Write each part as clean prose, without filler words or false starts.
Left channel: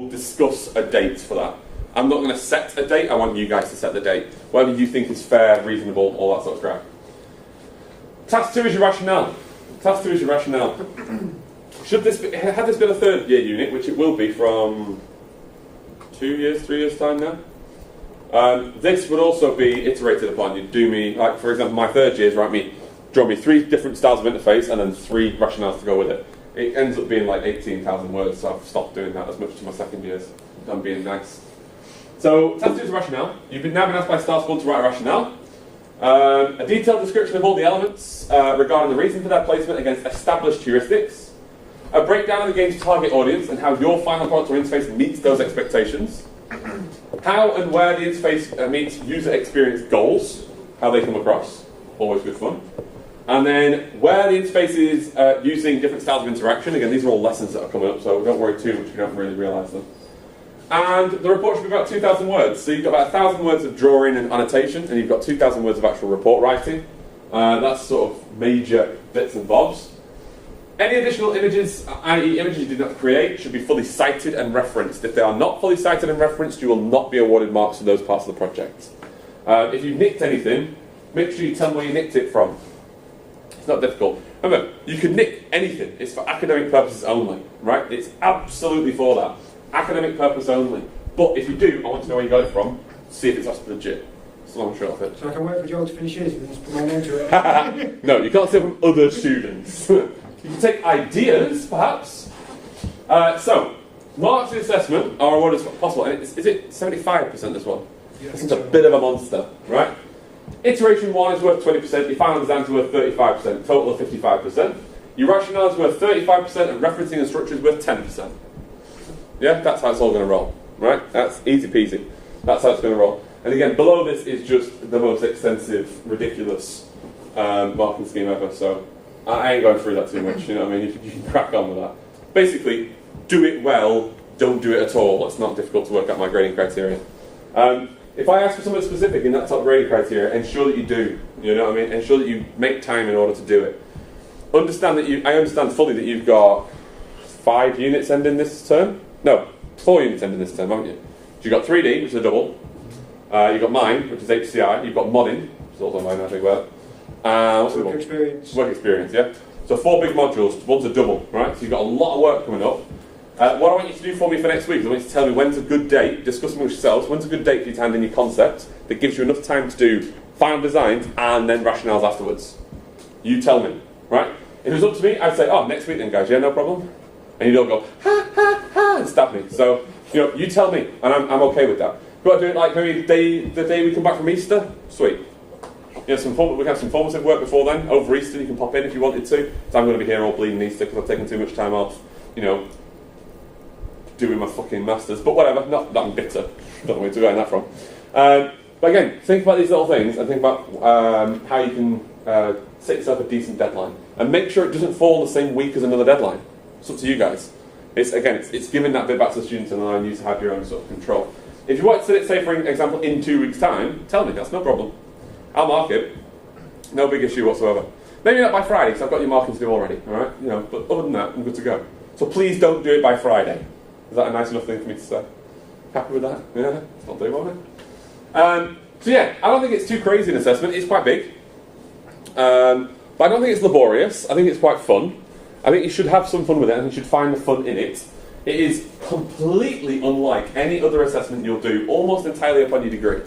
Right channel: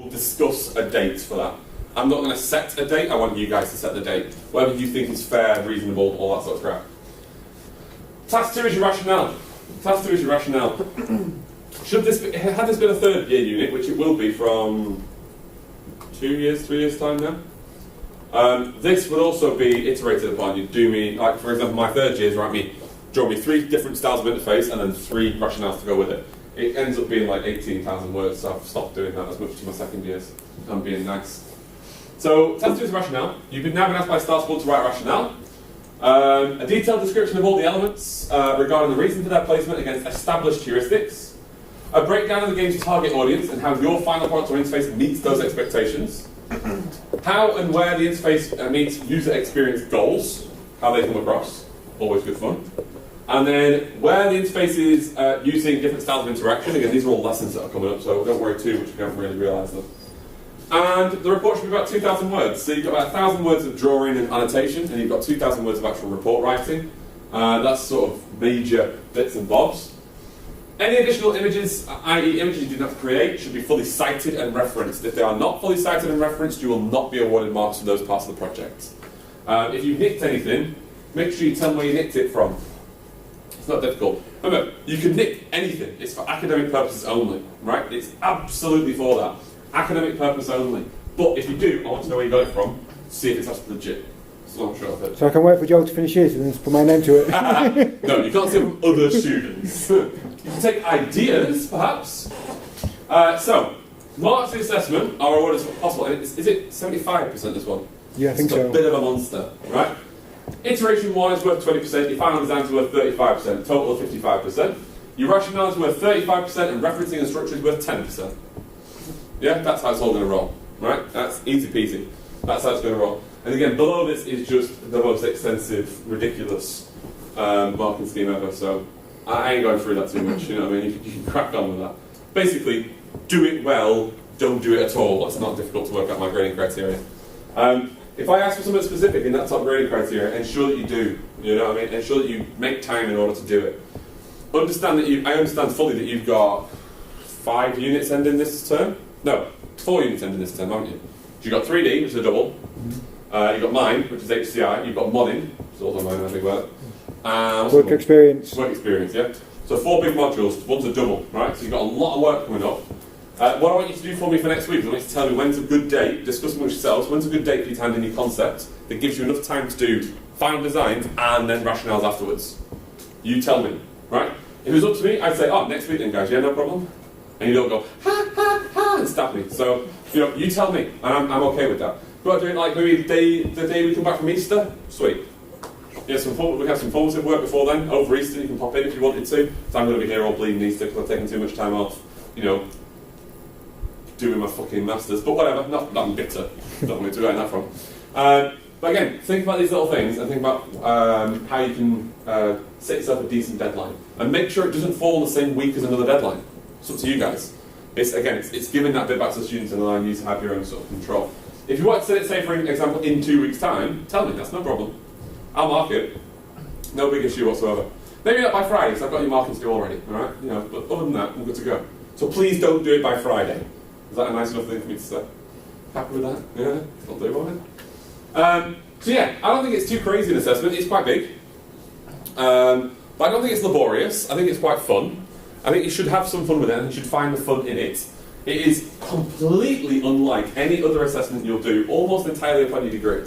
We'll discuss a date for that. I'm not going to set a date, I want you guys to set the date. Whatever you think is fair, reasonable, all that sort of crap. Task 2 is your rationale. Task 2 is your rationale. Had this been a third year unit, which it will be from 2 years, 3 years time now, this would also be iterated upon. You'd do me, like for example, my third year is draw me 3 different styles of interface and then 3 rationales to go with it. It ends up being like 18,000 words, so I've stopped doing that as much to my second years. I'm being nice. So, task 2 is rationale. You've now been asked by Star School to write a rationale. A detailed description of all the elements regarding the reason for their placement against established heuristics. A breakdown of the game's target audience and how your final product or interface meets those expectations. How and where the interface meets user experience goals. How they come across. Always good fun. And then where the interface is using different styles of interaction. Again, these are all lessons that are coming up, so don't worry too much if you don't really realise them. And the report should be about 2,000 words. So you've got about 1,000 words of drawing and annotation, and you've got 2,000 words of actual report writing. That's sort of major bits and bobs. Any additional images, i.e. images you did not create, should be fully cited and referenced. If they are not fully cited and referenced, you will not be awarded marks for those parts of the project. If you nicked anything, make sure you tell me where you nicked it from. It's not difficult. Remember, you can nick anything. It's for academic purposes only, right? It's absolutely for that. Academic purpose only. But if you do, I want to know where you got it from, see if it's actually legit. That's the long short of it. So I can wait for Joel to finish his and just put my name to it? No, you can't steal from other students. You can take ideas, perhaps. So, marks in assessment are awarded as possible. And is it 75% this one? Yeah, I think it's so. a bit of a monster, right? Iteration 1 is worth 20%, your final design is worth 35%, total of 55%. Your rationale is worth 35% and referencing and structure is worth 10%. Yeah, that's how it's all going to roll, right? That's easy peasy. That's how it's going to roll. And again, below this is just the most extensive, ridiculous marking scheme ever, so I ain't going through that too much, you know what I mean? You can crack on with that. Basically, do it well, don't do it at all. It's not difficult to work out my grading criteria. If I ask for something specific in that top grading criteria, ensure that you do, you know what I mean? Ensure that you make time in order to do it. I understand fully that you've got 5 units ending this term. No, 4 units ending this term, haven't you? So you've got 3D, which is a double. You've got Mind, which is HCI. You've got Modding, which is also known as a work. Work experience. Work experience, yeah. So 4 big modules, one's a double, right? So you've got a lot of work coming up. What I want you to do for me for next week is I want you to tell me when's a good date, discuss amongst yourselves, when's a good date for you to hand in your concept that gives you enough time to do final designs and then rationales afterwards. You tell me, right? If it was up to me, I'd say, oh, next week then guys, yeah, no problem. And you don't go, ha, ha, ha, and stab me. So, you know, you tell me, and I'm okay with that. We've got to do it like maybe the day we come back from Easter? Sweet. You know, we can have some formative work before then. Over Easter, you can pop in if you wanted to. So I'm going to be here all bleeding Easter because I've taken too much time off, you know, doing my fucking masters. But whatever, not that I'm bitter. Don't know where to get that from. But again, think about these little things and think about how you can set yourself a decent deadline. And make sure it doesn't fall in the same week as another deadline. It's up to you guys. It's giving that bit back to the students and allowing you to have your own sort of control. If you want to set it, say for example, in 2 weeks' time, tell me, that's no problem. I'll mark it. No big issue whatsoever. Maybe not by Friday, because I've got your marking to do already, alright? You know, but other than that, I'm good to go. So please don't do it by Friday. Is that a nice enough thing for me to say? Happy with that? Yeah? I'll do it. So yeah, I don't think it's too crazy an assessment. It's quite big. But I don't think it's laborious. I think it's quite fun. I think you should have some fun with it and you should find the fun in it. It is completely unlike any other assessment you'll do, almost entirely upon your degree.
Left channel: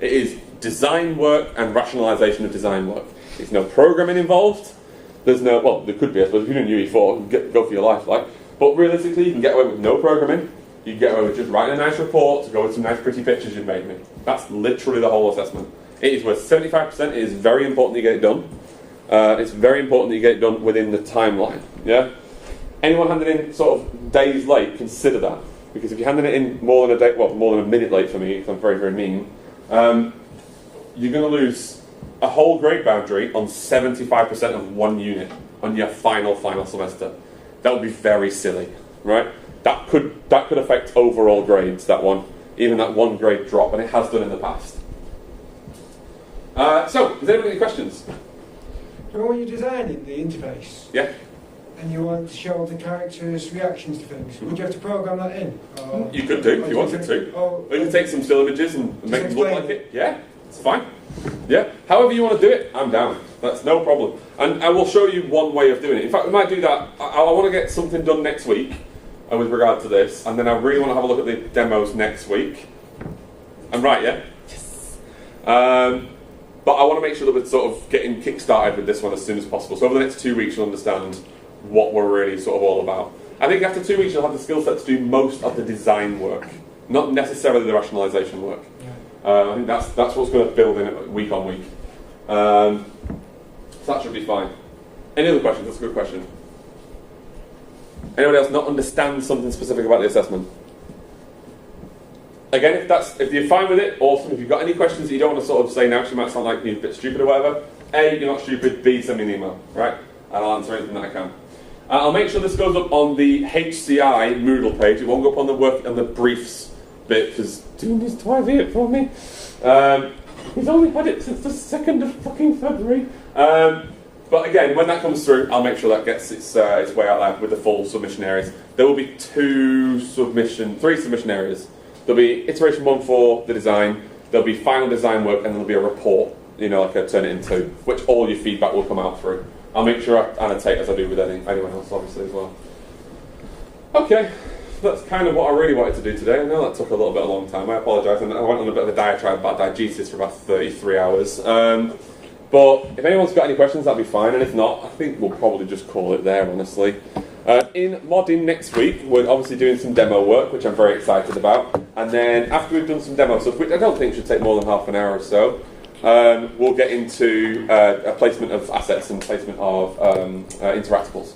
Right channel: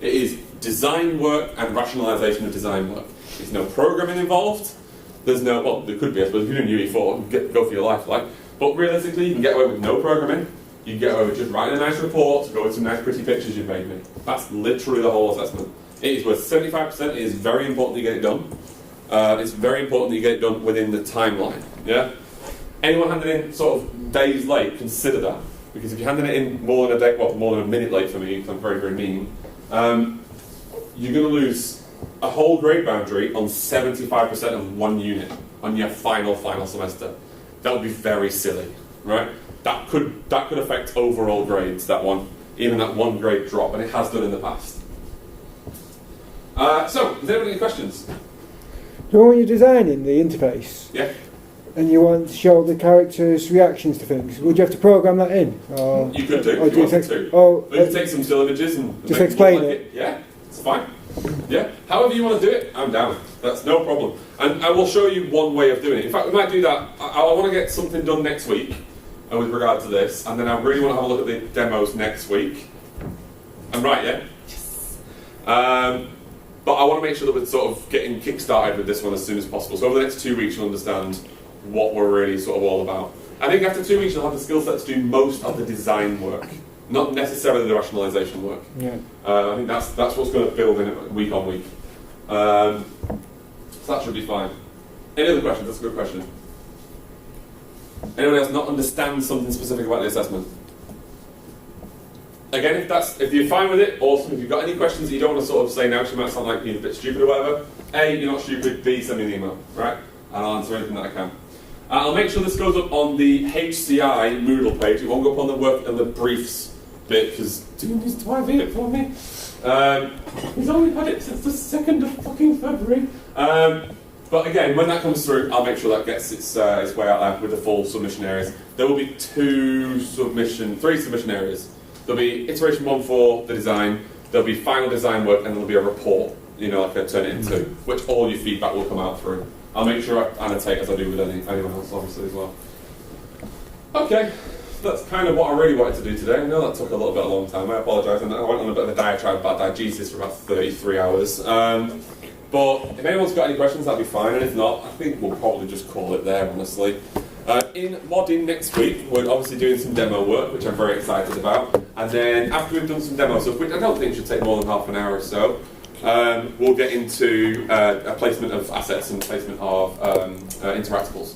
It is design work and rationalisation of design work. There's no programming involved. There's no, well, there could be, I suppose, if you're in UE4, go for your life, like. But realistically, you can get away with no programming. You can get away with just writing a nice report to go with some nice pretty pictures you've made me. That's literally the whole assessment. It is worth 75%. It is very important that you get it done. It's very important that you get it done within the timeline. Yeah. Anyone handing in sort of days late, consider that, because if you're handing it in more than a day, well, more than a minute late for me, because I'm very, very mean, you're going to lose a whole grade boundary on 75% of one unit on your final semester. That would be very silly, right? That could affect overall grades. That one, even that one grade drop, and it has done in the past. So, is there any questions? So when you're designing the interface, Yeah. and you want to show the characters' reactions to things, would you have to program that in? Or, You could do if you wanted to. Oh, Or you can take some still images and just make it look explain like it. it. Yeah, it's fine. Yeah, however you want to do it, I'm down. That's no problem. And I will show you one way of doing it. In fact, we might do that. I want to get something done next week with regard to this, and then I really want to have a look at the demos next week. I'm right, yeah? Yes. But I want to make sure that we're sort of getting kick-started with this one as soon as possible. So over the next 2 weeks, you'll understand what we're really sort of all about. I think after 2 weeks, you'll have the skill set to do most of the design work, not necessarily the rationalisation work. Yeah. I think that's what's going to build in it week on week. So that should be fine. Any other questions? That's a good question. Anyone else not understand something specific about the assessment? Again, if you're fine with it, awesome. If you've got any questions that you don't want to sort of say now, because you might sound like you're a bit stupid or whatever, A, you're not stupid, B, send me an email, right? And I'll answer anything that I can. I'll make sure this goes up on the HCI Moodle page. It won't go up on the work and the briefs bit, because Dean needs to IV it for me. He's only had it since the 2nd of fucking February. But again, when that comes through, I'll make sure that gets its way out there with the full submission areas. There will be three submission areas. There'll be iteration 1 for the design, there'll be final design work, and there'll be a report, like I turn it into, which all your feedback will come out through. I'll make sure I annotate as I do with anyone else, obviously, as well. Okay, that's kind of what I really wanted to do today. I know that took a long time. I apologise, and I went on a bit of a diatribe about diegesis for about 33 hours. But if anyone's got any questions, that'd be fine, and if not, I think we'll probably just call it there, honestly. In modding next week, we're obviously doing some demo work, which I'm very excited about. And then after we've done some demo stuff, which I don't think should take more than half an hour or so, we'll get into a placement of assets and placement of interactables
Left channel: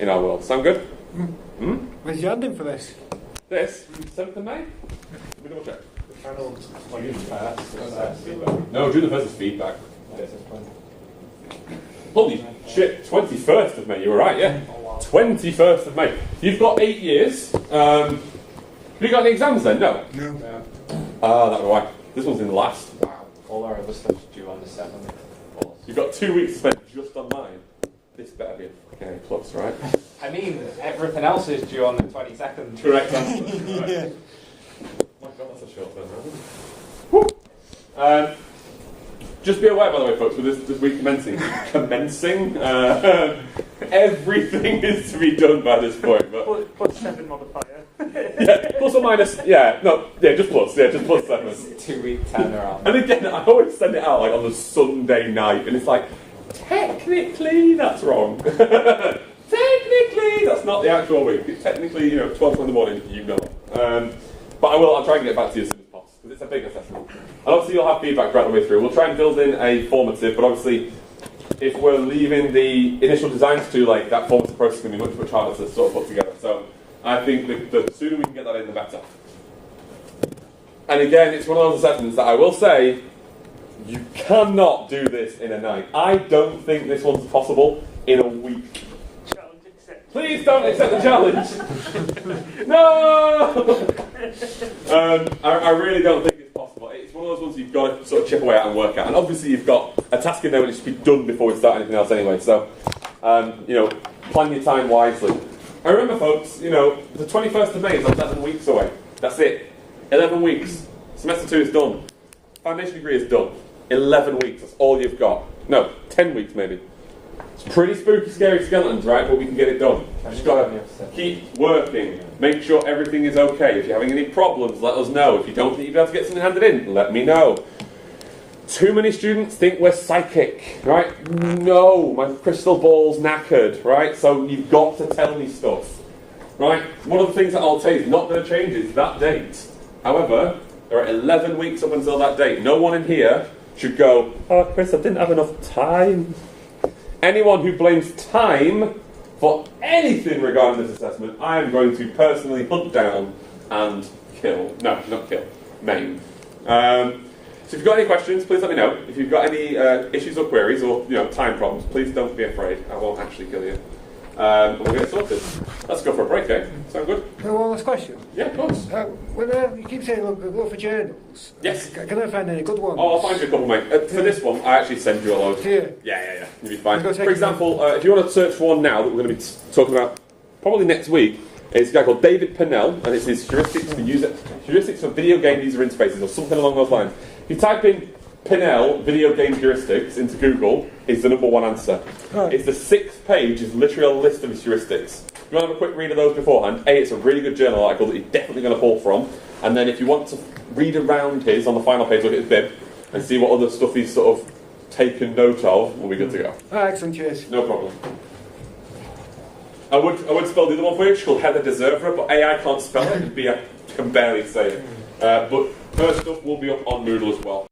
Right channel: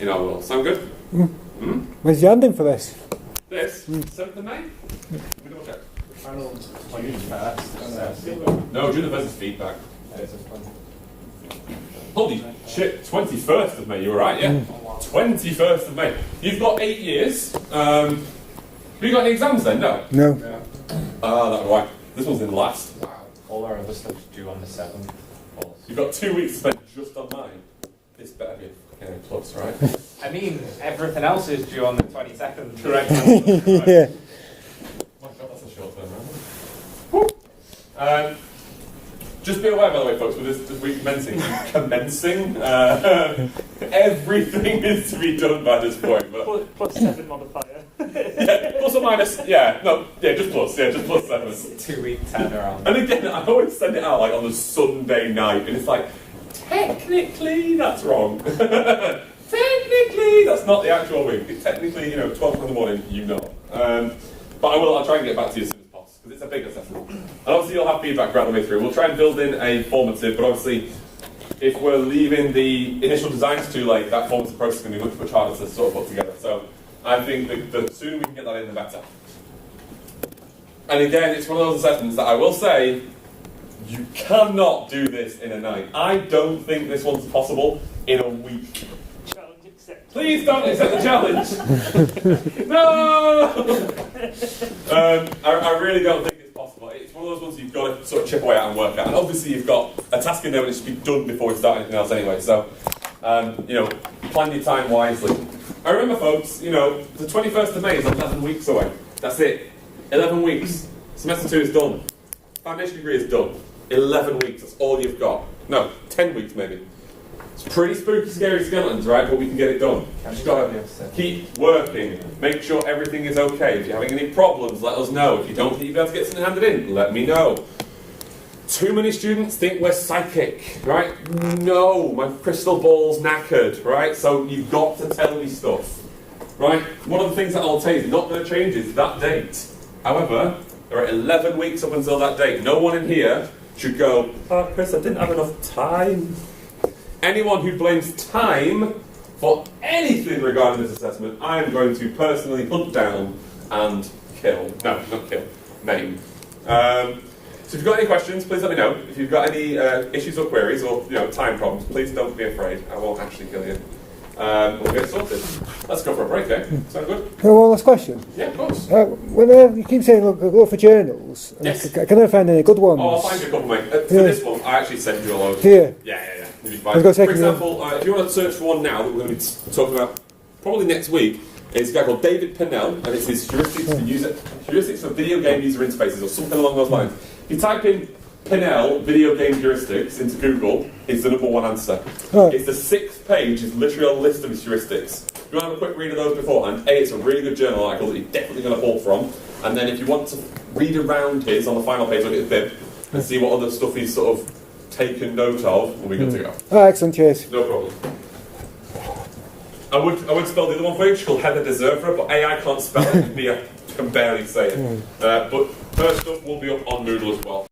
in our world. Sound good? When's the ending for this? This? 7th of May? We double check. No, June the 1st is feedback. Holy shit, 21st of May, you were right, yeah? 21st of May. You've got 8 years. Have you got any exams then? No? No. Ah, that's why. This one's in last. All our other stuff's due on the 7th. You've got 2 weeks to spend just on mine. This better be a A plus, right? I mean, everything else is due on the 22nd. Correct answer. Right. Yeah. My God, that's a short term, right? Just be aware, by the way, folks, with this week commencing, everything is to be done by this point. But plus 7 modifier. yeah, plus or minus, just plus 7. 2 week turnaround. And again, I always send it out like on the Sunday night, and it's like, technically that's wrong. Technically, that's not the actual week. It's technically, 12 in the morning, But I'll try and get back to you as soon as possible, because it's a big assessment. And obviously you'll have feedback right the way through. We'll try and build in a formative, but obviously if we're leaving the initial designs too late, that formative process is going to be much harder to sort of put together. So I think that the sooner we can get that in, the better. And again, it's one of those assessments that I will say, you cannot do this in a night. I don't think this one's possible in a week. Challenge accepted. Please don't accept the challenge. No! I really don't think it's possible. It's one of those ones you've got to sort of chip away at and work at. And obviously you've got a task in there which should be done before we start anything else anyway. So, plan your time wisely. I remember, folks, the 21st of May is 11 weeks away. That's it. 11 weeks. Semester 2 is done. Foundation degree is done. 11 weeks. That's all you've got. No, 10 weeks maybe. It's pretty spooky, scary skeletons, right? But we can get it done. Just gotta keep working. Make sure everything is okay. If you're having any problems, let us know. If you don't think you'll be able to get something handed in, let me know. Too many students think we're psychic, right? No, my crystal ball's knackered, right? So you've got to tell me stuff, right? One of the things that I'll tell you is not going to change is that date. However, there are 11 weeks up until that date. No one in here should go, Chris, I didn't have enough time. Anyone who blames time for anything regarding this assessment, I am going to personally hunt down and kill. No, not kill. Maim. So if you've got any questions, please let me know. If you've got any issues or queries or time problems, please don't be afraid. I won't actually kill you. We'll get it sorted. Let's go for a break, eh? Sound good? One last question. Yeah, of course. When you keep saying look for journals, Yes. can I find any good ones? Oh, I'll find you a couple, mate. For this one, I actually sent you a load. Here? Yeah. You'll be fine. I've got a For second example, if you want to search for one now that we're going to be talking about probably next week, it's a guy called David Pennell, and it's his heuristics for video game user interfaces, or something along those lines. If you type in Pennell video game heuristics into Google, it's the #1 answer. Right. It's the 6th page, is literally a list of his heuristics. If you want to have a quick read of those beforehand, it's a really good journal article that you're definitely going to pull from. And then if you want to read around his on the final page, look at his bib and see what other stuff he's sort of taken note of, we'll be good to go. Alright, son, cheers. No problem. I would spell the other one for you. It's called Heather Deserver, but I can't spell it, and B, I can barely say it. But her stuff will be up on Moodle as well.